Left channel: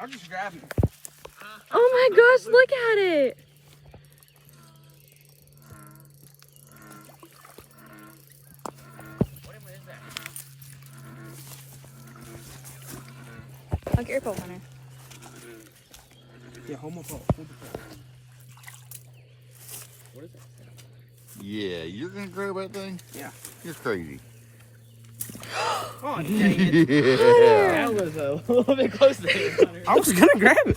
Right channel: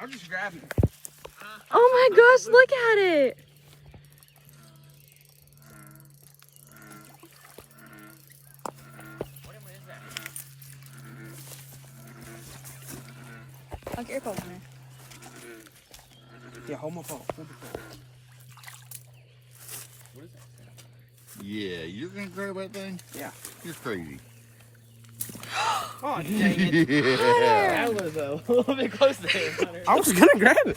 I'll just grab him. Oh my gosh, look at it. What is that? I'll get your phone, Hunter. Yeah, hold my phone. Hold the phone. What is that? Yeah, you're gonna grab that thing? Yeah. You're crazy. Oh, dang it. Yeah. I was a little bit close there. I was gonna grab it.